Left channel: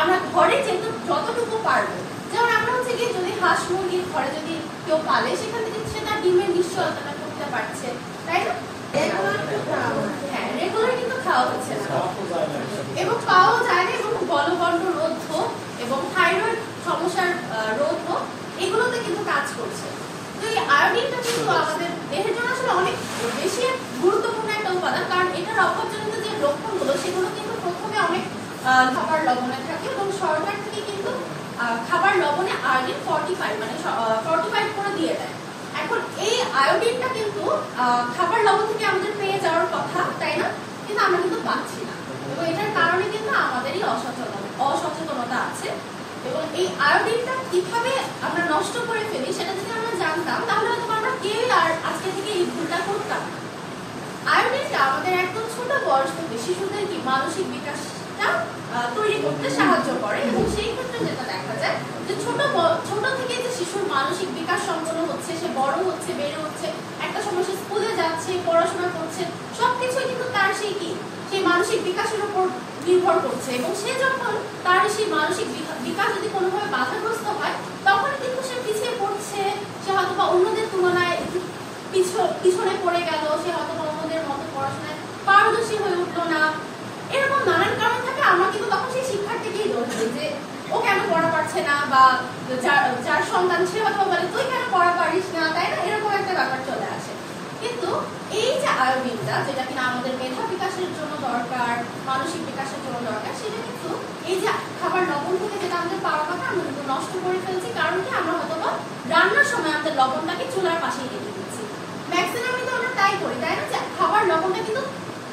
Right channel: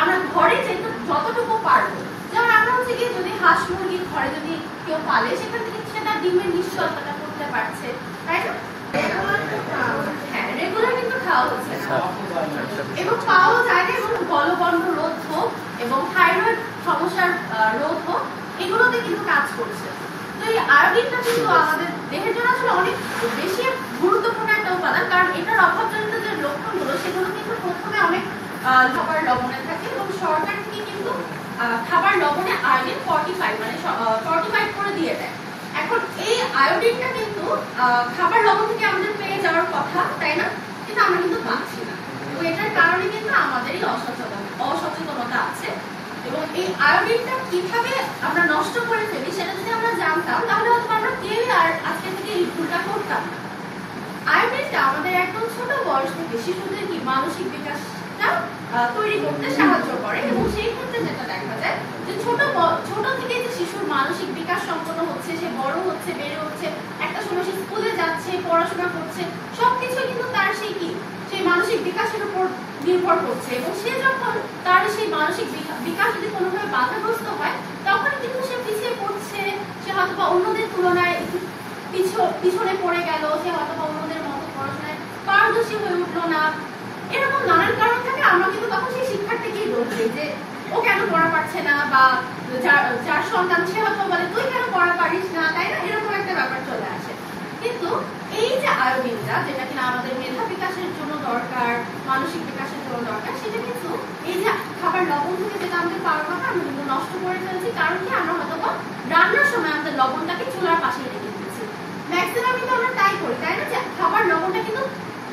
আমরা ঘরে যতটুকু পারবো, যেমন আমরা হচ্ছে গিয়ে যদি হাঁস মুরগির ঘরে যদি কেউ পালে সেখান থেকে সে তার ডিমের নিশ্চয়তা করতে পারছে, তাই না? হ্যাঁ, রেগুলার কিন্তু খাওয়া হচ্ছে না এবং পাওয়াও যায় না, এবং গলগণ্ড রোধ হোক এবং থাইরয়েড সমস্যার রোধ হোক, এগুলোতে কিন্তু কাজ করছে। তো এই আয়োডিনটা কিন্তু আমাদের দেহের জন্য আসলে অনেক বেশি গুরুত্বপূর্ণ একটা উপাদান, কারণ এটার অভাবজনিত যে লক্ষণগুলো সেগুলো কিন্তু প্রথমে অনেক খাবার লবণে থাকে, এবং সরকার থেকে কিন্তু খাবার লবণে আয়োডিন 45 মানে 45 করে দিয়ে দেয়। এখন এই আয়োডিনটা কিন্তু খাবার লবণ থেকে আমাদের পেয়ে যাওয়ার কথা, তাই না? কিন্তু আমরা কিন্তু পাচ্ছি না, এবং এটার কারণে কিন্তু আমাদেরই অসচেতনতা আছে। এবং এই আয়োডিনটা কিভাবে আমরা নষ্ট করে ফেলি সেটা যদি আমরা জানতাম, তাহলে হয়তো আমরা কেউই আর আজকে থেকে এই ভুলটা করতাম না। আয়োডিনটা আমাদের একদম ছোট বয়স থেকে শিশুদের কি মানসিক বিকাশটা তৈরি করতে সাহায্য করে, এবং সেই ক্ষেত্রে যেটা দেখা যায় যে ছোট থেকে যে শিশুর মানসিক বিকাশ সম্পন্ন হচ্ছে, সে বড় হচ্ছে, বেড়ে হচ্ছে, একটা সময় সে স্কুলে যাচ্ছে, পড়াশোনা করছে, সবকিছুই কিন্তু তার সেই মানসিক বিকাশের উপর নির্ভর করছে। এবং সে যখন তার সেই মানসিক বিকাশ যদি কোনোভাবে বাধাগ্রস্ত হয়, তখন কিন্তু সে পিছিয়ে পড়ছে, সে হয়তো বা অন্যদের তুলনায় পিছনে পড়ে গেল, সে হয়তো বা অন্যদের মতো পড়াশোনায় পারদর্শী হয়ে উঠলো না, এরকম নানান কারণ থাকে। আমরা কিন্তু তখন সেই শিক্ষার্থীকেই দোষ দিই যে ও কেন পড়া পারছে না, বা যার সন্তান সে হয়তো বলে তুই কেন পড়া পারিস না, তাই না? এরকম একটা ব্যাপার চলে আসে। কিন্তু এই যে আয়োডিনটা, যেটা কিনা আমাদের মেধা বিকাশের জন্য দরকার, মানসিক বিকাশের জন্য দরকার, সেটা কিন্তু এই যে খাবার লবণ থেকে যেটা আমাদের পাওয়ার কথা আমরা কিন্তু নষ্ট করে ফেলছি। কারণ কি, আমরা হয়তো রান্নার সময় আমাদের লবণটাকে চুলার পাশেই রেখে দিচ্ছি। ম্যাক্সিমাম কিন্তু আমরা তাই করি, তাই না? যে খাবার লবণটা কিন্তু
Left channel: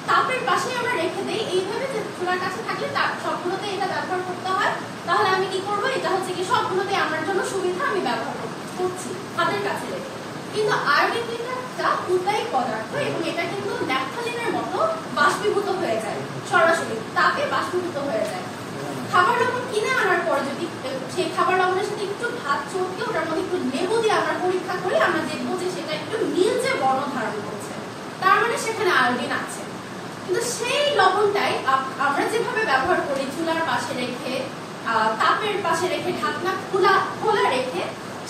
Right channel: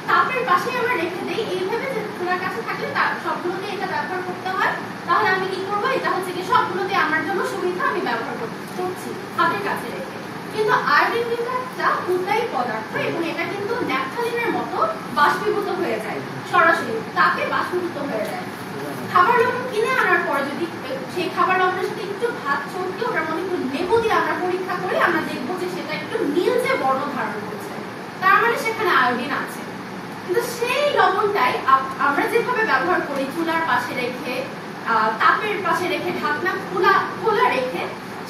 তাপের পাশেই আমরা রেখে দেই, এইভাবে যে চুলার কাছে থাকলে সবগুলোতে এটা ব্যবহার করতে হয়, তাহলে আমি কি করবো, এটা হচ্ছে কি সবগুলোতে আমার জন্য সুবিধা, আমি ব্যবহার করছি হাতের কাছে রেখে। কিন্তু আয়োডিন কিন্তু একটা উদ্বায়ী পদার্থ, এবং এটা কিন্তু ন্যাপথলিনের মতো বাষ্পীভূত হয়ে যায়, সরাসরি তাকে বাষ্পীভূত হয়ে যায়। খাবার লবণ কিনে আনার পরে যদি সেই খাবার লবণের সাথে একটু ভাত চটকে ওটার মধ্যে একটু লেবু দিয়ে আমরা পরীক্ষা করি, আমরা দেখবো যে সেটা একটু নীলচে বর্ণ ধারণ করছে, তার মানে সেখানে আয়োডিন আছে। কিন্তু সেই লবণটাই আমরা যেভাবে ব্যবহার করি, চুলার পাশে রেখে, তাপের পাশে রেখে, ঢাকনা খোলা রেখে,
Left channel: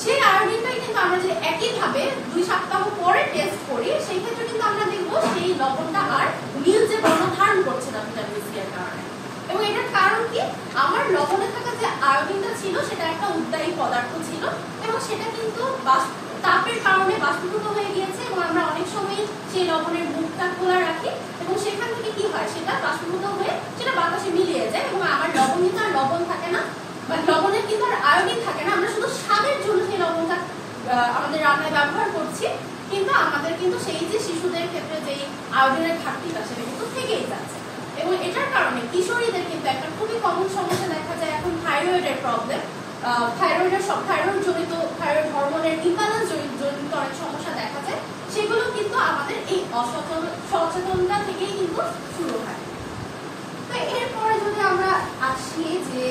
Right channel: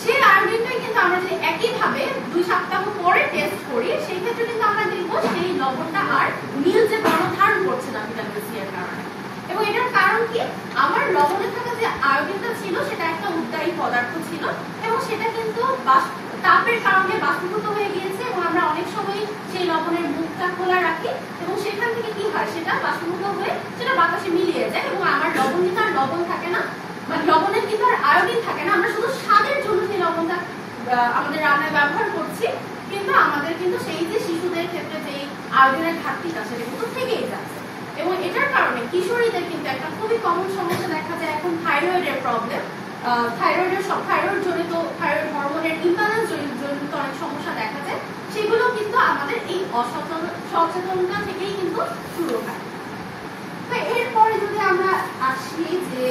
সেই আয়োডিনটাই কিন্তু আমরা যে একইভাবে 2 সপ্তাহ পরে টেস্ট করি, সেই ক্ষেত্রে কিন্তু আমরা দেখবো সেই লবণটা আর নীলচে বর্ণ ধারণ করছে না ভিটামিন সি এর কারণে। এবং এটার কারণ কি, আমার লবণে থাকা যে আয়োডিনটা ছিল সেটা একটা উদ্বায়ী পদার্থ ছিল, এবং সেটা কিন্তু তাপের কারণে বাষ্পীভূত হয়ে গিয়েছে, এবং আমরা অনেক সময় সেই লবণের মুখটা খোলা রাখি, এবং সেখান থেকে কি হয়, সেটা বাষ্পীভূত হয়ে সেটা বাতাসে মিলিয়ে যায়, এবং আমার লবণ কিন্তু আর লবণ থাকে না, বা লবণের কিন্তু আর আয়োডিন থাকে না। আমরা শুধু স্বাদের জন্য সেই লবণটা আমাদের রান্নায় ব্যবহার করছি, কিন্তু আমাদের কিন্তু সেই যে শিশুদের ক্ষেত্রে যে আয়োডিনের ঘাটতিটা সেটা কিন্তু থেকেই যাচ্ছে। এবং এটার কারণে কিশোরীদের কিন্তু একটা খুবই কমন সমস্যা দেখা যায় এখন, থাইরয়েডের প্রবলেম। থাইরয়েড জনিত, থাইরয়েড হরমোনের ইমব্যালেন্স জনিত অনেক সমস্যা দেখা যায়, সেগুলো কিন্তু আমাদের এই সচেতনতা থেকেই কিন্তু শুরু হয়। তো এরপরে যদি আমরা আসি যে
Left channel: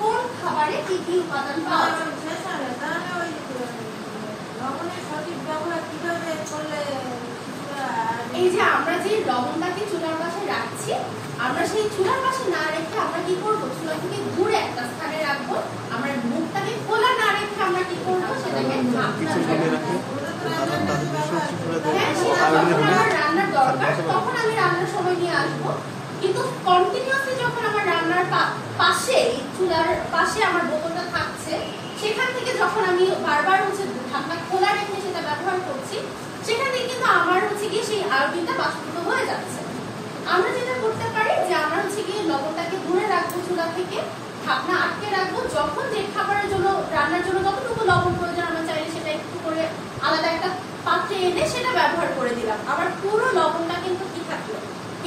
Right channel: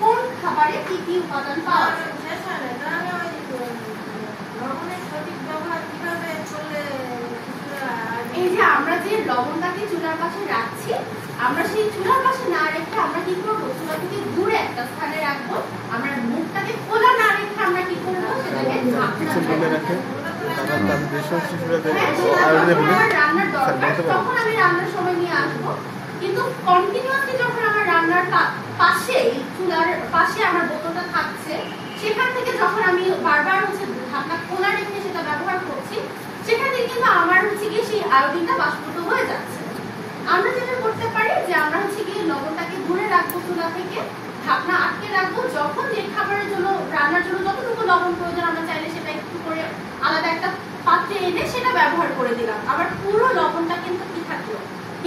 কোন খাবারে কি কি উপাদান পাওয়া যায়, এই যে আমরা যে লবণটাকে চুলার পাশে রাখছি, আমরা সেই চুলার পাশে না রেখে আমরা কি করবো, চুলা থেকে দূরে একটা স্থানে রাখবো। আমরা মুখটাকে খোলা না রেখে আমরা কি করবো, সেটাকে রান্নার দরকার তখন আমি রান্নার সময় নিয়ে আসবো। কিন্তু কন্টিনিউয়াসলি যখন আমার রান্নার পাশে, চুলার পাশে আমার বোতলটা থাকছে, সেখান থেকে যখন আমি বারবার হচ্ছে ঢাকনা খোলা রেখে সেটা ব্যবহার করছি, সেখানে কিন্তু আমার হচ্ছে গিয়ে সেই আয়োডিনটা বাষ্পীভূত হয়ে যাচ্ছে। আমরা যেটা করতে পারি যে আমরা হচ্ছে গিয়ে লবণটাকে দূরে রাখবো চুলা থেকে, ঢাকনা আটকে রাখবো, যখন যে খাবারের জন্য রান্নার জন্য যতটুকু লবণ প্রয়োজন আমরা চাইলে সেটা একটু করে আলাদা একটা পাত্রে এনে সেটা ব্যবহার করে দিলাম। আবার পুরো লবণটা কিন্তু কি থাকলো,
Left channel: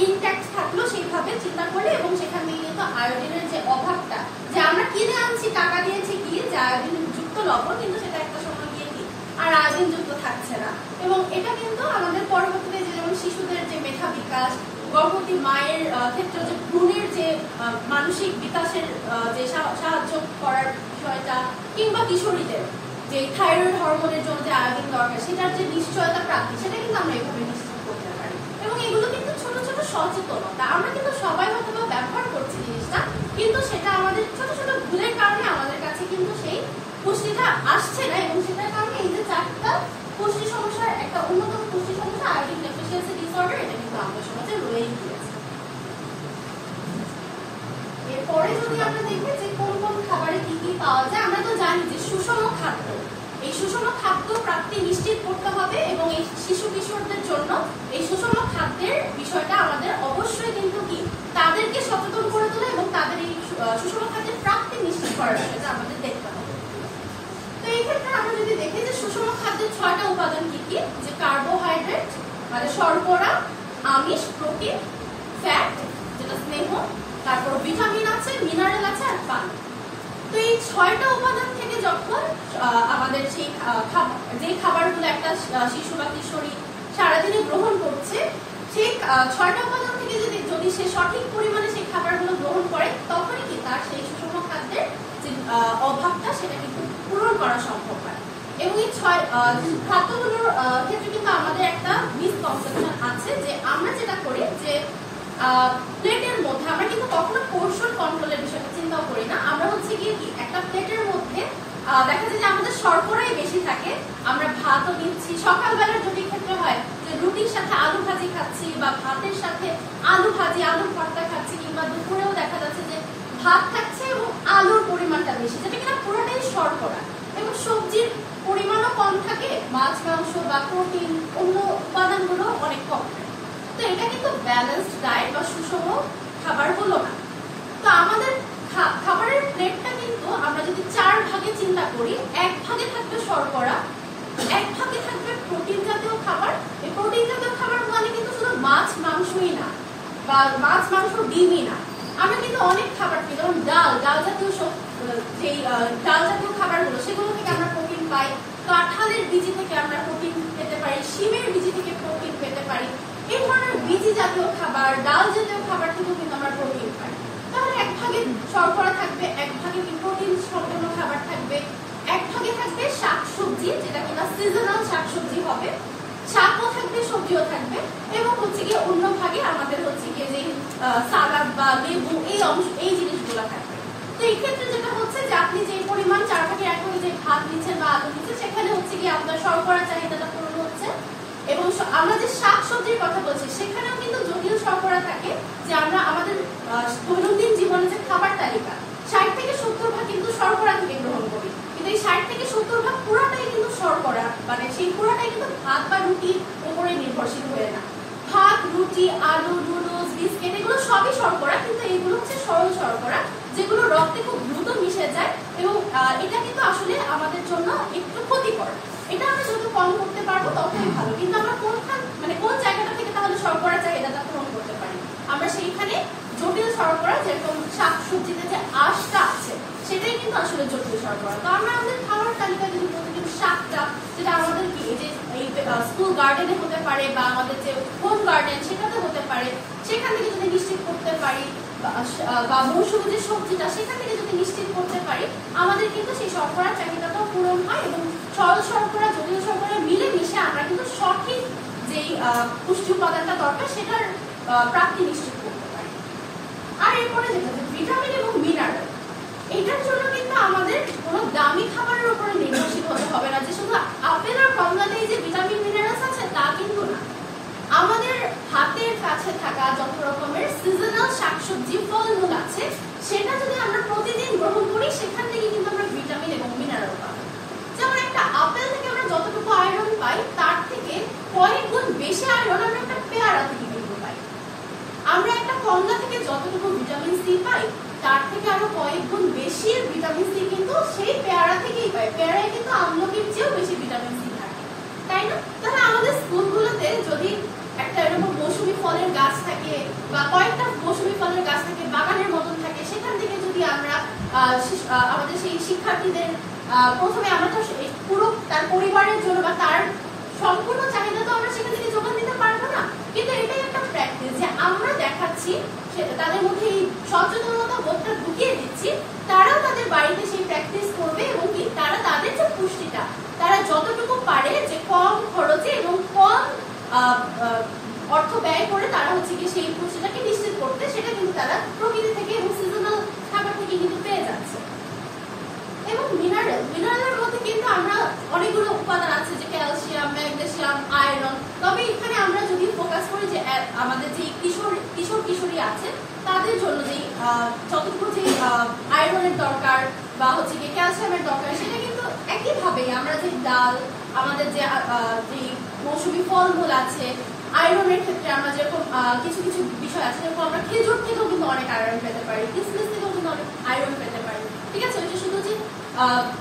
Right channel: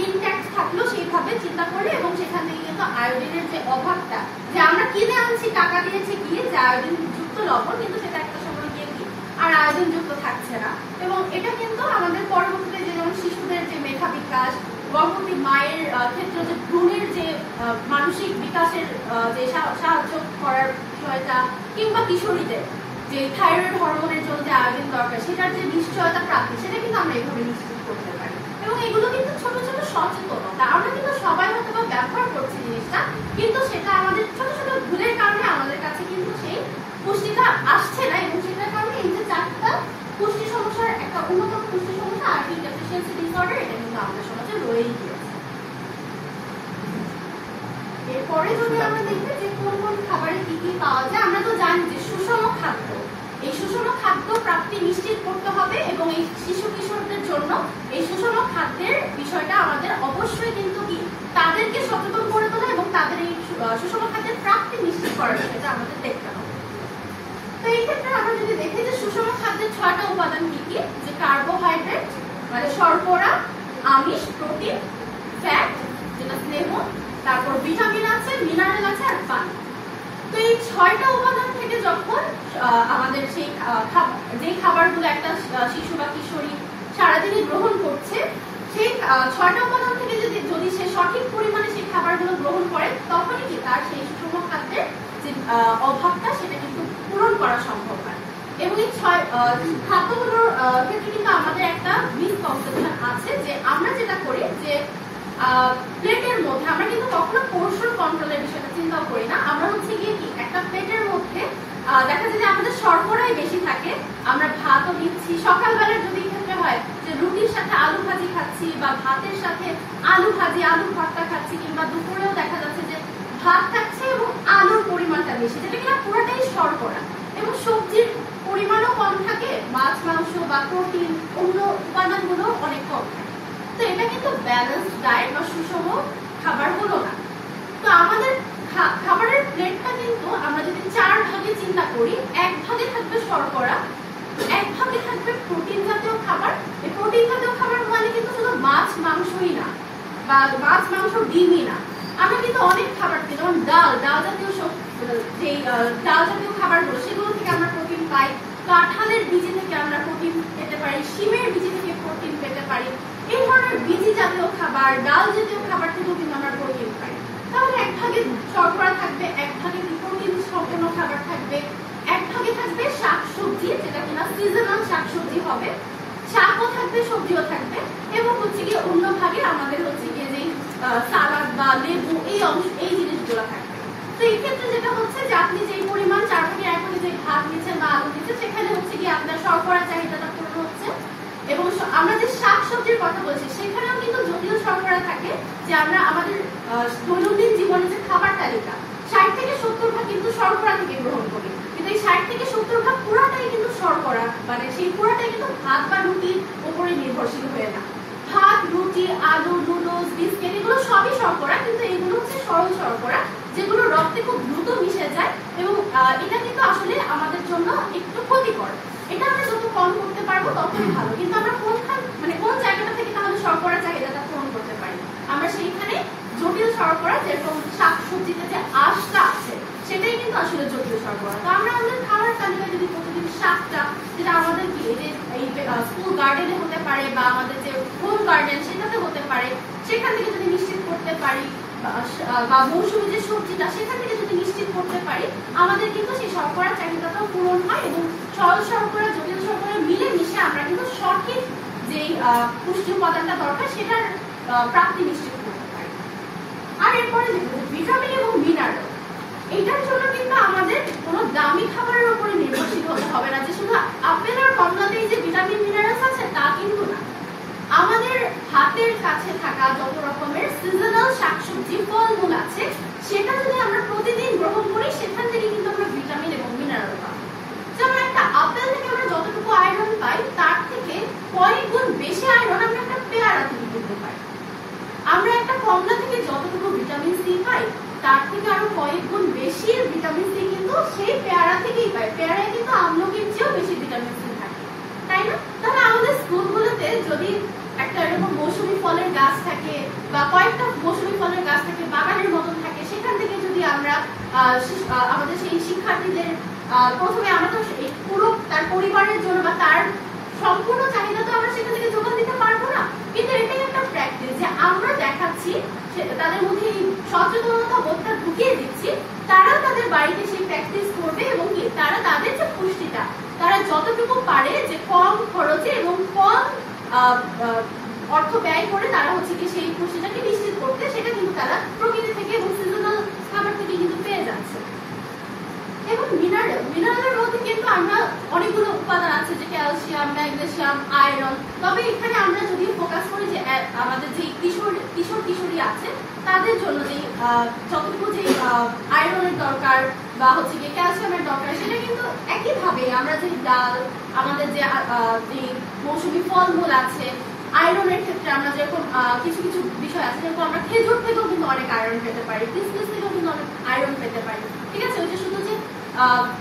ইনট্যাক্ট থাকলো সেইভাবে চিন্তা করলে, এবং সেখান থেকে কিন্তু আয়োডিনের যে অভাবটা, যে আমরা কিনে আনছি টাকা দিয়েছি গিয়ে যে আয়োডিন যুক্ত লবণ, কিন্তু সেটা একটা সময় গিয়ে কি আর আয়োডিন যুক্ত থাকছে না। এবং এটা কিন্তু আমাদের পরবর্তীতে যেমন শিশুদের যে মেধা বিকাশ, গর্ভবতী মায়ের ক্ষেত্রে যে ভ্রূণের যে মানসিক বিকাশের যে সাহায্য করার বিষয়টা, কিংবা কিশোরীদের যে থাইরয়েড হরমোনের জন্য যে আয়োডিন দরকার সেটার যে নিশ্চয়তা প্রাপ্তি, সেটা কিন্তু আমরা এইভাবে নিশ্চিত করতে পারি। এবং এগুলো কিন্তু ছোট ছোট সচেতনতা, আমরা কিন্তু সবাই হয়তো ব্যবহার করছি জিনিসটা, কিন্তু সেটা আমাদের ছোট ছোট পুষ্টিটা আসছে না, এবং সেটার কারণে এই যে 4টা পুষ্টি সমস্যার একটা অন্যতম পুষ্টি সমস্যা আয়োডিন ডেফিসিয়েন্সি ডিসঅর্ডার, এটা কিন্তু আমাদের সমাজে রয়েই গিয়েছে। এরপরে যদি আমরা দেখি যে কোন কোন খাবারে কি কি পাওয়া যায়, আমরা তো জানি যে সুষম খাদ্য, এই সুষম খাদ্য প্রাপ্তি নিশ্চিত করতে হবে, এবং এই শিশু কিশোরদের জন্য এই সুষম খাদ্যের বিষয়টা আমাদের অবশ্যই কিন্তু কি তাদেরকে সচেতন করে তোলা এবং তাদের এই সুষম খাদ্যের প্রাপ্তি নিশ্চিত করার বিষয়টা আমাদের দেখতে হবে। তো এই ক্ষেত্রে আমরা যদি দেখি যে সুষম খাদ্যের 6টা উপাদান কি কি, যে কার্বোহাইড্রেট মানে শর্করা, আমিষ, প্রোটিন, ফ্যাট যেটা স্নেহ, তারপর ভিটামিন আছে, মিনারেল আছে, আর পানি। তো এই 6টা উপাদান থেকে যখন আমাদের সেই যে খাবারগুলো একটা শিশু বা কিশোরী সারাদিনই গ্রহণ করছে, সেই 6টা উপাদান থেকে যদি সে সঠিক পরিমাণে সেই খাবারগুলো গ্রহণ করে, তখনই কি তার সেই সুষম খাদ্যের যে অভাবটা সেটা কিন্তু পূরণ করা সম্ভব হয়। এবং এই খাদ্যগুলোর ক্ষেত্রে কিন্তু আমাদের একটা মিসকনসেপশন আছে, যে আমরা যেটা করি যে প্লেটের মধ্যে আমরা কিন্তু কখনো পোর্শন কন্ট্রোলের বিষয়টা চিন্তাও করি না। আমরা হচ্ছে গিয়ে কি একটা প্লেটের মধ্যে দেখা যায় যে আমাদের শর্করাই বেশি থাকে, আমরা ভাতও নিচ্ছি, সকালবেলার যদি ক্ষেত্রে হয় যে রুটির সাথে আলু ভাজি খাচ্ছি, বা ভাতের সাথে আলু ভাজি আলু ভর্তা খাচ্ছি, কিংবা দুপুরেও দেখা যাচ্ছে যে ভাত থাকছে এবং আলুর পরিমাণটা বেশি, যেটা কিনা পুরোটাই শর্করা, এবং সবজির পরিমাণও কম থাকে, মাছ মাংস বা প্রোটিন অন্য উপাদানগুলো অনেক কম থাকে। তো এটা কিন্তু ব্যালেন্সড ডায়েট বা সুষম খাবার হলো না। তো আমাদের খাবারের প্লেটটা কিন্তু আমরা যদি 4 ভাগে চিন্তা করি, 1 ভাগে থাকবে শর্করা, 1 ভাগে থাকবে প্রোটিন জাতীয় খাবার। এই প্রোটিন জাতীয় খাবার মানে কিন্তু শুধু মাছ মাংসই না, বা মাছ মাংস ডিমই না, আমরা কিন্তু অনেক খাবার খাই, যেমন ডাল জাতীয় যেই ডাল জাতীয় খাবারগুলো, সেগুলো থেকে আমরা প্রোটিন পাই, কাঁঠালের বীজি থেকে আমরা প্রোটিন পেতে পারি, শিমের বীজি থেকে প্রোটিন পেতে পারি। এই ধরনের বীজি জাতীয় খাবার, ডাল জাতীয় খাবার থেকেও কিন্তু আমরা প্রোটিন পাই। তাহলে 1 ভাগে শর্করা থাকবে, 1 ভাগে প্রোটিন সম্পন্ন খাবার থাকবে, 1 ভাগে থাকবে শাকসবজি, যেটা কিনা সিজনাল শাকসবজি হবে, শাকও থাকবে, সবজিও থাকবে, এবং হচ্ছে গিয়ে অন্য ভাগে আমাদের হচ্ছে গিয়ে যে সালাদ বা লেবু এই জিনিসগুলো থাকবে। তো এই ক্ষেত্রে যেটা হচ্ছে যে আপনি যে পরিমাণ 4 ভাগের 1 ভাগে যে ভাত নিচ্ছেন বা আলু নিচ্ছেন, সেখানে হচ্ছে গিয়ে আপনার শর্করা চাহিদাটা পূরণ হচ্ছে। এবং আমরা যে শাক সবজির কথা বলছি, সেখানেও কিন্তু যদিও শর্করা থাকে, যে আমরা আমাদের দৈনন্দিন জীবনে যে খাবার তালিকা 60 থেকে 70 ভাগ কিন্তু শর্করা থেকে গ্রহণ করি, কিন্তু এই 60 থেকে 70 ভাগ পুরাটাই কিন্তু শর্করা, মানে সেই পুরাটাই কিন্তু ভাত বা রুটির উপরে নির্ভরশীল হয়ে না। ভাত, রুটি, আলু, নুডলস, বিস্কিট এগুলো সবই শর্করা, কিন্তু এগুলো হচ্ছে সরল শর্করা, যেগুলো রক্তে খুব দ্রুত মিশে যায়, এবং এটা কিন্তু আসলে আমাদের জন্য একটু ক্ষতিকর। এটা আমরা যত কম করতে পারবো ততই ভালো, কিন্তু আমরা কোন জায়গাটা থেকে তাহলে শর্করা চাহিদাটা পূরণ করতে পারি? আমরা সেইখানে জটিল শর্করা, যেরকম শাক সবজিতে যে আঁশটা আছে, সেটাই কিন্তু আসলে জটিল শর্করা। তো আমরা আমাদের খাবার তালিকায় যদি প্রতিদিন শাকটা, যেটা আমাদের কি এই যে এই স্কুল গার্ডেনে হতে পারে, বা আমাদের যে হোম গার্ডেন সেটাতে হতে পারে, সেখান থেকে যদি নিশ্চিত করতে পারি, বা মৌসুমী যে সবজিটা সেখান থেকে যদি নিশ্চিত করতে পারি, আমাদের কিন্তু সেই শর্করা চাহিদাটাও পূরণ হয়, এবং সরল শর্করা জটিল শর্করা মিলে মিশে আমরা কিন্তু সঠিক যেই পুষ্টি উপাদানটা দরকার সেটার প্রাপ্তি নিশ্চিত করতে পারি। আর এরপরে যেটা ভিটামিন এবং মিনারেল, এটার জন্য কিন্তু আমাদের কোনো দামি খাবারের উপরে নির্ভরশীল হতে হবে না, যে শুধু আপেল আর কমলাতেই যে ভিটামিন মিনারেলস আছে তা কিন্তু না। আমাদের হাতের কাছে থাকা যত রকমের সিজনাল শাকসবজি, ফলমূল আছে, সেটা যদি আমরা প্রতিদিন গ্রহণ করি, সেখান থেকে কিন্তু আমরা ভিটামিন এবং মিনারেল পাবো। যেমন একটা আপেল থেকে আমরা যতটুকু আয়রন পাই, তার থেকে কয়েক গুণ বেশি আয়রন আমরা একটা পেয়ারা থেকে কিন্তু পাই। আমরা একটা কমলা থেকে যতটুকু ভিটামিন সি পাই, তার থেকে আরো কয়েক গুণ বেশি ভিটামিন সি কিন্তু সেই পেয়ারা থেকেই পাই। পেয়ারায় কিন্তু আমলকির চেয়েও বেশি ভিটামিন সি থাকে, তাই না? তাহলে আমাদের স্কুলগুলোতে যদি একটা এরকম মৌসুমী ফলের গাছ থাকে, বা কয়েকটা মৌসুমী ফলের গাছ থাকে, বাগানের মতন থাকে, সেখান থেকে যদি আমরা আমাদের সেই শিক্ষার্থীদের প্রথমে আমরা তো পুরো তার পরিবারের জন্য বা তার সম্পূর্ণ চাহিদা তো আমরা সেখান থেকে যোগান দিতে পারবো না, কিন্তু এটাই একটা প্র্যাকটিস, যে আমরা দেখাচ্ছি তাদের মধ্যে এই সচেতনতা বোধটা ঢুকিয়ে দিচ্ছি, তারাও তাদের বাড়িতে সেই প্র্যাকটিস করবে, এবং কি তারা তাদের যে পুষ্টিটা তারা যতটুকু পারে যে কম খরচে এবং কম অর্থ ব্যয় করে তারা হচ্ছে কি সেই পুষ্টিটাকে নিশ্চিত করতে, সেটা কিন্তু তারা প্রকৃতি থেকে এবং সিজনাল খাবার থেকে কিন্তু পেয়ে যাচ্ছে। এবং মিনারেল তাদের জন্য যে যতটুকু যে আয়রনের দরকার বা হচ্ছে কি ক্যালসিয়ামের দরকার, সেটা কিন্তু একইভাবে আমরা যে ডাল, আমাদের যে মৌসুমী ফলমূল আছে, আয়রনের ক্ষেত্রে আমরা যেরকম কিছু কিছু বিষয় আছে, যেরকম আমরা খেজুর থেকেও কিন্তু অনেক আয়রন পেতে পারি, কিসমিস থেকেও কিন্তু অনেক আয়রন পেতে পারি। ঠিক আছে, ওইটা শুধু যে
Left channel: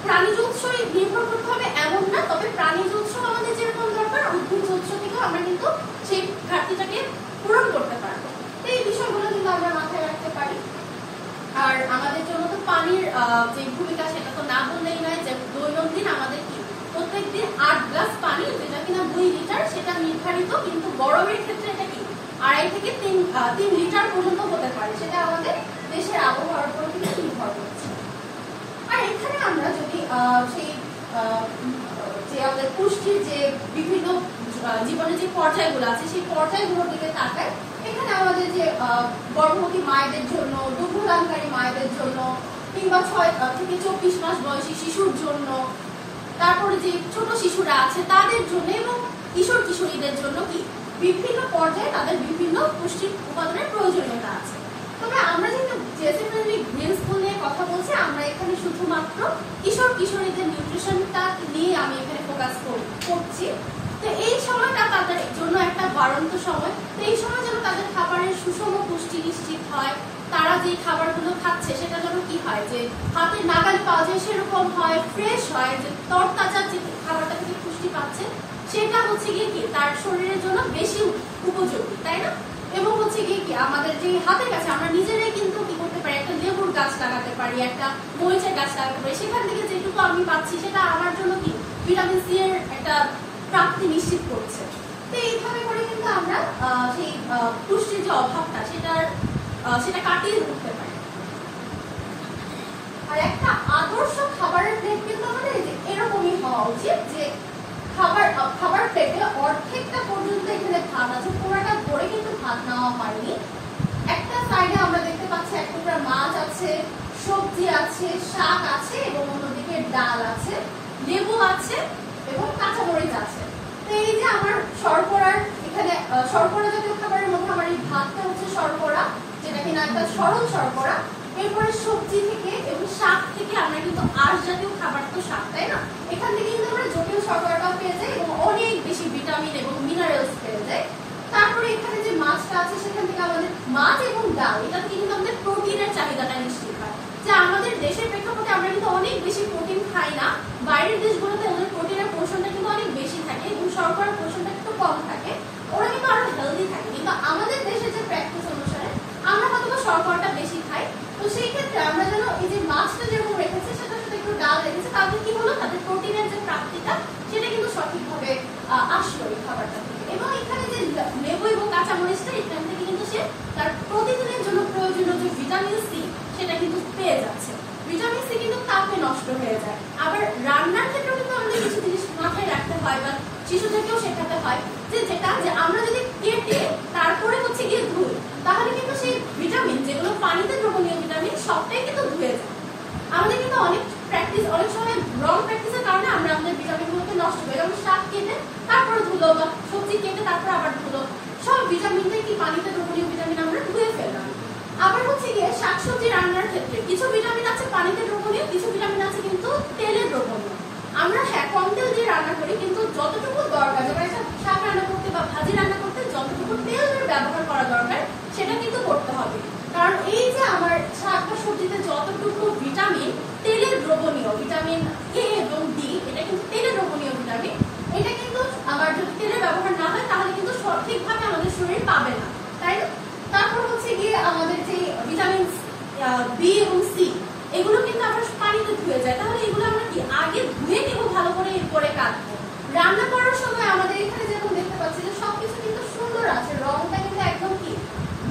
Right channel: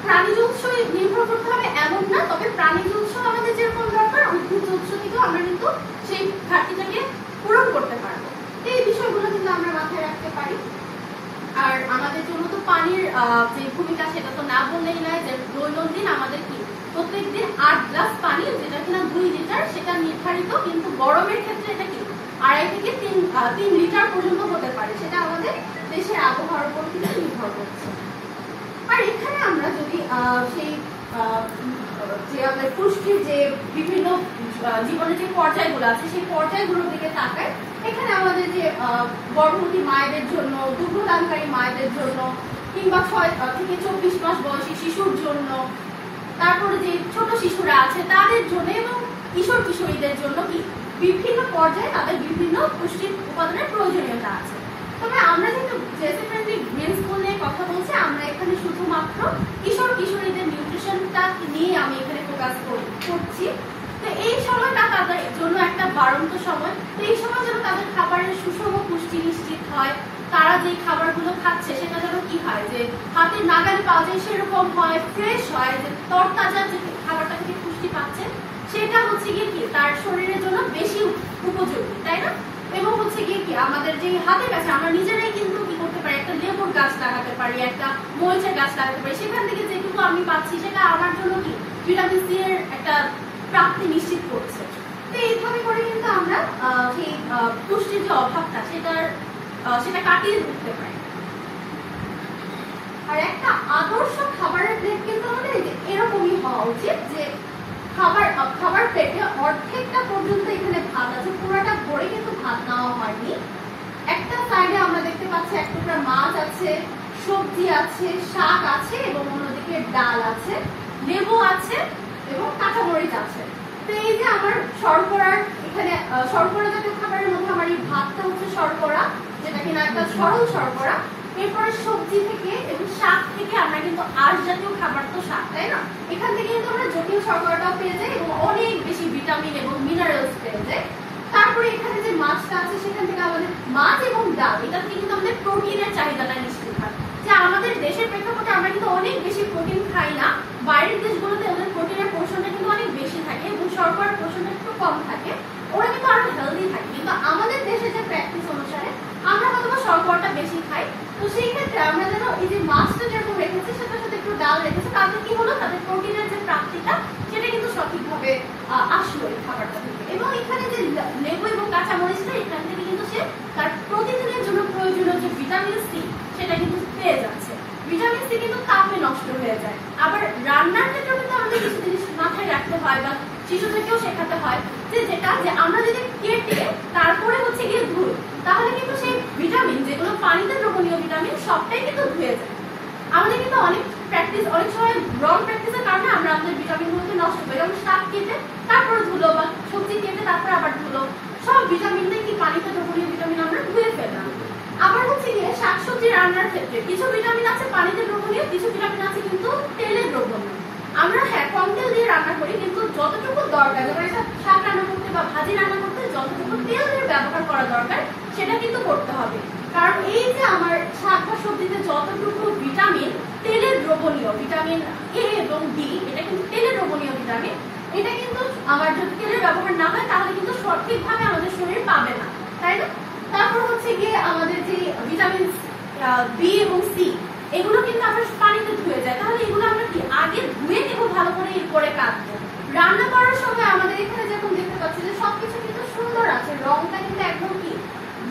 প্রাণীজ উৎসে নির্ভর করতে হবে এমন না, তবে প্রাণীজ উৎস আমাদের যেরকম দরকার উদ্ভিজ উৎস থেকেও আমরা কিন্তু সেই ঘাটতিটাকে পূরণ করতে পারবো। এই বিষয়গুলো কিন্তু আমরা মাথায় রাখতে পারি। আর আমাদের জন্য তো পানির যে ভূমিকা সেটা তো না বললেই নয়, যে দৈনন্দিন আমাদের কি প্রত্যেকদিন 8 গ্লাস পানি, যেটা কিনা 2 লিটার, সেটা নির্ধারিত, কিন্তু গরমের ক্ষেত্রে এটা কি 2.5 থেকে 3 লিটার পর্যন্ত হতে পারে, সেটা আমাদের দেশের আবহাওয়ার উপর কিন্তু নির্ভর করছে। আর এখানে আমরা যদি সেই যে আমাদের পুষ্টির যে বিভিন্ন জীবনের যে পর্যায়গুলো আছে সেই পর্যায়গুলোর দিকে তাকাই, এখানে আমাদের যে গর্ভবতী মায়েদের জন্য, দুগ্ধদানকারী মায়েদের জন্য, কিংবা 6 থেকে 24 মাস বয়সী শিশুর জন্য, তারপরে যে ছোট শিশুরা আছে তাদের জন্য, এবং কিশোর কিশোরীদের জন্য কি বিভিন্ন পর্যায়ে তাদের বিভিন্ন পুষ্টির উপাদানের প্রয়োজনীয়তা আছে। তবে আমরা যেহেতু জেসি ফ্রেন্ডলি গ্রিন স্কুল নিয়ে কথা বলছি, আমরা এখানে শুধুমাত্র কিশোর কিশোরীদের নিউট্রিশনটা নিয়ে আমি এখানে ফোকাস করছি। তো এই সময়টা তাদের জন্য একটা বাড়ন্ত সময়, তো এই সময় যেন তাদের খাবারের সুষম পুষ্টি নিশ্চিত হয়, তারা যে খাবারগুলো খাচ্ছে সেটা যেন কি হয়, যে হাতের নাগালে পাওয়া যায় সেরকম হয়, ফ্রেশ হয়, যে তরতাজা যে খাবারটা থেকে পুষ্টি পাচ্ছে সেটা হচ্ছে গিয়ে কি তার শরীরের জন্য বেশি উপযোগী, তাই না? এবং হচ্ছে গিয়ে কি আমাদের যে হাতের কাছে আমরা নিজেরাই কিন্তু কি করতে পারি, একটা লেবুর গাছ লাগাতে পারি, একটা মরিচের গাছ লাগাতে পারি, সেখান থেকে যেটুকু আমি পাচ্ছি সেটা আমার জন্য কি ভিটামিন সি এর একটা প্রাপ্তি নিশ্চিত করছে। তো এইভাবে করে কিন্তু আমরা সেই পুষ্টির যে অভাবটা সেটা কাটিয়ে উঠতে পারি। আর একটা আদর্শ খাবারের প্লেট কিন্তু আমাদের এরকমই হওয়া উচিত, যে খাবার প্লেটে অর্ধেকটা পর্যন্ত এখানে ভাত আছে, পুরোটা ভরে কিন্তু ভাত নেওয়া হয়নি। একটা সাইডে আমরা দেখতে পাচ্ছি এক টুকরা মাছ আছে, সবজি আছে, শাক আছে, এবং অন্যদিকে ডাল আছে, লেবু আছে এবং কাঁচামরিচ আছে। তো এই যে আমার শর্করার এখানে শর্করা জাতীয় খাবারের মধ্যে আমার এই ভাতটা হচ্ছে শর্করা, যেটা কিনা একটা সরল শর্করা। এরপরে সবজি থেকে এবং শাক থেকে আমরা কিন্তু আঁশ জাতীয় খাবার, তো শাক, তাই না? এখান থেকে কিন্তু আমরা জটিল শর্করাটাও পেয়ে যাই এবং অনেক বেশি ভিটামিন এবং মিনারেলস পেয়ে যাই। তারপরে এখানে যে মাছটা আছে সেখান থেকে আমাদের মাছ এবং ডাল, এটা থেকে কিন্তু আমাদের প্রোটিনের চাহিদাটা নিশ্চিত হয়। যে আমাদের দেশের প্রেক্ষাপটে আমরা কিন্তু অনেক বেশি প্রোটিন খাই না, বাইরের দেশগুলোতে ওদের প্রোটিনের পোর্শনটা কিন্তু অনেক বেশি থাকে এবং শর্করার পোর্শনটা একটু কম থাকে, ওরা কিন্তু আরো হেলদি থাকে। কিন্তু আমাদের দেশে যে প্র্যাকটিস অনুসারে আমরা হয়তো শর্করাটা বেশি খাই, তো সেই ক্ষেত্রে আমরা যেন এই যে মাছটা যেরকম রেখেছি সেটার সাথে একটু ডাল রেখেছি, তাতে কি হলো, তাদের প্রোটিনের যে প্রাপ্তিটা সেটা কিন্তু সঠিকভাবে আসলো এই খাবারটা থেকে। এবং এখানে যে লেবু এবং কাঁচামরিচটা, এখান থেকে কিন্তু সে তার প্রতিদিনের জন্য প্রয়োজনীয় যে ভিটামিন সি সেটা কিন্তু পেয়ে যাচ্ছে। ভিটামিন সি কিন্তু তাপে নষ্ট হয়ে যায়। আবার রান্নার ক্ষেত্রেও কিন্তু আমাদের কিছু জিনিস মাথায় রাখতে হয় বা শিশুদেরকেও শেখাতে হয়, যে আমরা যদি কেটে তারপরে হচ্ছে গিয়ে ধুই, তাহলে কিন্তু সেই ভিটামিন যেগুলো পানিতে দ্রবণীয় ভিটামিন সবটাই কিন্তু ধুয়ে যায়। আমাদের কিন্তু অনেক সময় রং প্র্যাকটিসের কারণে আমরা আমাদের ভিটামিনগুলোকে নষ্ট করি, যেমন শাক কেটে তারপরে ধুলো বা সবজি কেটে তারপরে আবার ধুলো, সব ভিটামিনটাই কি পানিতে দ্রবণীয় ভিটামিন আমরা ধুয়ে ফেললাম। আবার হচ্ছে গিয়ে শাকসবজি রান্নার ক্ষেত্রে কিছু ভিটামিন আছে পানিতে দ্রবণীয়, কিছু ভিটামিন আছে কিন্তু তেলে দ্রবণীয়। আমরা হ্যাঁ কম তেল দিয়ে রান্না করি, কিন্তু যতটুকু দরকার, যেমন একটা শাক রান্না করতে বা ভাজি রান্না করতে যতটুকু তেলের ব্যবহার করা দরকার সেটা কিন্তু করতে হবে। কারণ এই যে আমার শাক বা সবজিতে যতটুকু ভিটামিন তেলে দ্রবণীয়, ভিটামিন এ এবং ডি, এটা কিন্তু তেলে দ্রবণীয় ভিটামিন, এটা কিন্তু আমার যদি তেলের ব্যবহার না হয় তাহলে কিন্তু সঠিকভাবে আমাদের শরীর পাবে না, তাই না? তারপর হচ্ছে গিয়ে আমাদের যে ভিটামিন বি এবং সি, এগুলো কিন্তু আমরা পানিতে ধুয়ে যায়, তাহলে এগুলো আমরা কি আগে ধুয়ে নেব ভালো করে, এরপরে কাটবো। রান্না করার সময় আমাদের এখানে যেমন দেখতে পাচ্ছি যে সবকিছু কিন্তু সুন্দর আছে, রংটা কিন্তু একদম কি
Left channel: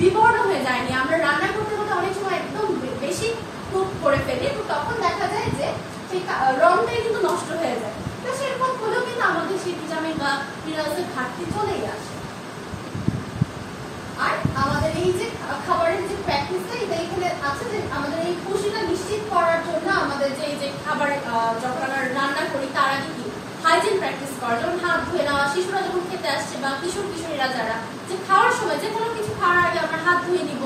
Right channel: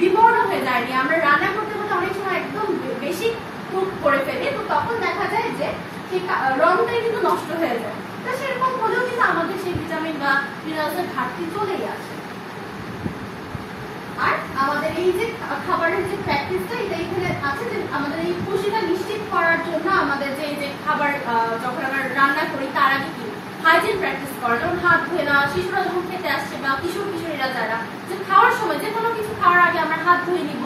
বিবর্ণ হয়ে যায়নি। আমরা রান্না করতে করতে অনেক সময় একদম বেশি কুক করে ফেলি, তো তখন দেখা যায় যে সেই রংটাই কিন্তু নষ্ট হয়ে যায়। তো সেরকম হলেও কিন্তু আমাদের সেই ভিটামিন বা মিনারেলসের ঘাটতি চলেই আসে। আর আমাদের এই যে খাবারের যে প্র্যাকটিসটা, এটা এখানে আছে যে আমাদের এই পুষ্টিটা নিশ্চিত করার জন্য আমাদের যে খাবার যখন আমরা রান্না করি তার আগে কি হাইজিন প্র্যাকটিস করা, যেমন হাত ধুয়ে না, শিশুরা যখন খেতে আসছে বা কিশোর কিশোরীরা যারা, যে খাওয়ার সময় যে কোনো কিছু খাওয়ার আগে আমরা হাত ধুয়ে নিব,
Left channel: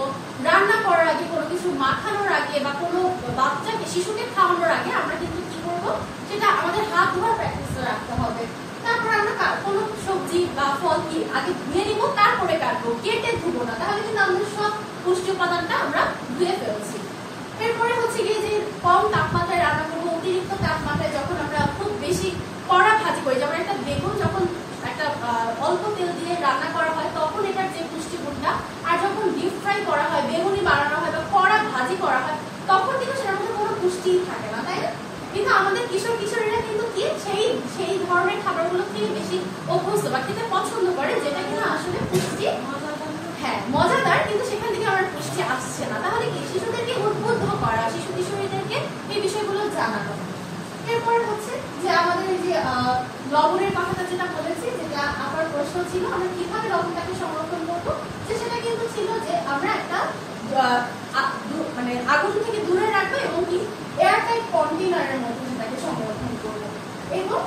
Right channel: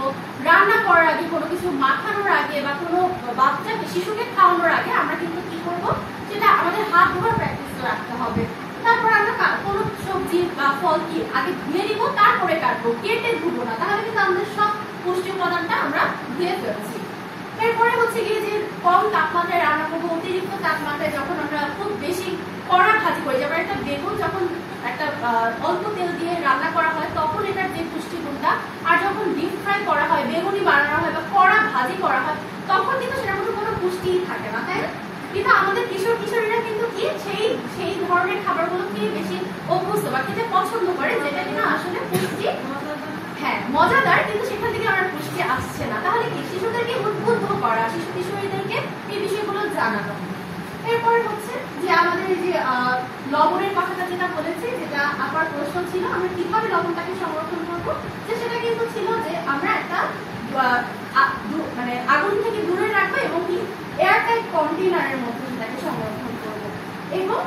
রান্না করার আগে, কোনো কিছু মাখানোর আগে বা কোনো বাচ্চাকে শিশুকে খাওয়ানোর আগে আমরা কিন্তু কি করবো, সেটা আমাদের হাত ধোয়ার প্র্যাকটিস রাখতে হবে। তারপর আমরা কোনো সবজি বা ফল কি আগে ধুয়ে নিব, তারপরে কাটবো, কেটে ধুবো না, তাহলে কিন্তু আমাদের সব পুষ্টি উপাদানটা আমরা ধুয়ে ফেলছি। এরপরে হচ্ছে গিয়ে যে কম তাপমাত্রায় রান্না করবো, অতিরিক্ত তাপমাত্রায় যখন আমরা খুব বেশি কড়া ভাজি করি, যেমন একটা বেগুন যখন একটা অল্প তেল দিয়ে রান্না করা হয় তখন এটার যে পুষ্টিগুণটা, আর যখন ডিপ ফ্রাই করা হয়, বেগুনি বানানো হয় বা কড়া ভাজি করা হয়, তখন কিন্তু সেটার মধ্যে কোনো পুষ্টি থাকে না, তাই না? কিন্তু আমাদের কিশোর কিশোরীরা কিন্তু কি সেই ধরনের খাবারগুলো খেয়ে বেশি অভ্যস্ত বা খেতে পছন্দ করে, যেটা কিনা আসলে পুষ্টি হ্যাঁ মজাদার, কিন্তু সেখান থেকে আমার পুষ্টি আসছে না। তাহলে কি শিশুদেরকে উদ্বুদ্ধ করা, শিশু কিশোরীদেরকে এই বিষয়গুলো জানানো। এরপর হচ্ছে যে আমাদের এই যে লবণের কথাটা যেটা বলেছি, যেটা আবার প্রশ্ন ছিল আমরা কিভাবে লবণটাকে সংরক্ষণ করবো, যে সেটা কিন্তু ছিল যে আমরা একটা মানে আগুন থেকে দূরে রাখবো এবং কি এয়ারটাইট কন্টেনারের মধ্যে সেটাকে সংরক্ষণ করবো। এবং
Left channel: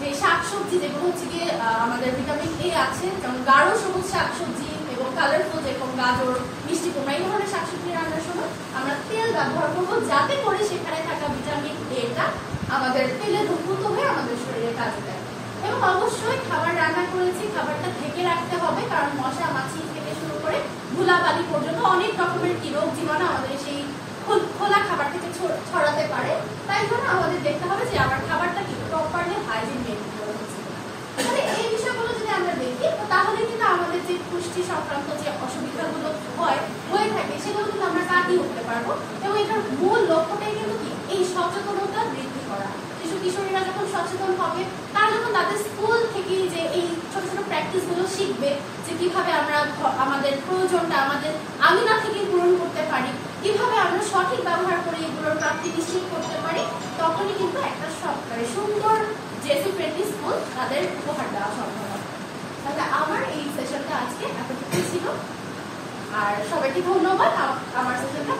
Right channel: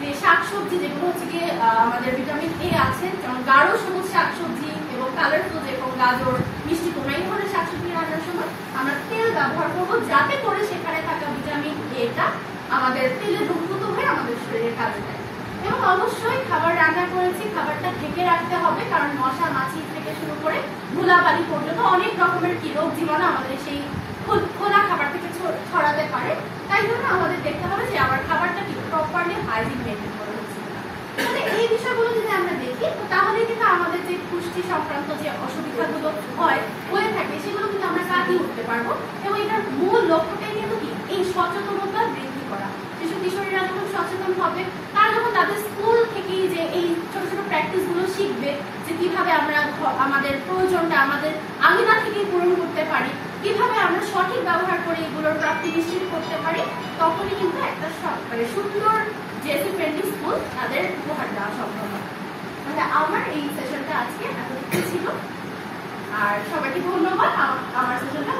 যে শাকসবজি যেগুলো হচ্ছে গিয়ে আমাদের ভিটামিন এ আছে, যেমন গাঢ় সবুজ শাকসবজি এবং কালারফুল যেরকম গাজর, মিষ্টি কুমড়া, এই ধরনের শাকসবজি রান্নার সময় আমরা তেল ব্যবহার করবো, যাতে করে সেখানে থাকা ভিটামিন এটা আমাদের তেলে দ্রুত হয়ে আমাদের শরীরে কাজে দেয়। এবং অবশ্যই খাবার রান্না করেছি, খাবারটা ঢেকে রাখতে হবে, কারণ মশা মাছি থেকে শুরু করে ধুলাবালি পর্যন্ত অনেক রকমের কি রোগ জীবাণু আমাদের সেই খোলা খাবার থেকে ছড়াতে পারে। তাই জন্য আমাদের দেখতে হবে যে আমার খাবারটা কি প্রপারলি হাইজিন মেনটেন করে হচ্ছে কিনা। তাহলে এই বিষয়গুলো যদি আমরা দেখি, তো তাহলে কিন্তু আমাদের যে পুষ্টি সংক্রান্ত যে অসুবিধাগুলো হয়ে থাকে সেগুলো কিন্তু আমরা কাটিয়ে উঠতে পারবো। এবং এটার মূল লক্ষ্যটাই কিন্তু কি এই সচেতনতা বৃদ্ধি করা। শিশু কিশোরীরা যখন সচেতন হবে, তারা যখন তাদের স্কুল থেকে যে এই ছোট ছোট প্র্যাকটিস গুলো শিখবে, যে কিভাবে আমরা আমাদের প্রয়োজনটা আমাদের আঙিনা থেকে পূরণ করতে পারি, কিভাবে আমরা সঠিক ব্যবহার করে এগুলোর প্রাপ্তি নিশ্চিত করতে পারি, তখনই কিন্তু একটা মানে সুন্দর জেসি ফ্রেন্ডলি স্কুল তাদের উপহার দেওয়া সম্ভব হবে। তাহলে আমার এই সেশনটা আজকে এতটুকু ছিল, আর সবাইকে ধন্যবাদ আমার সেশনটা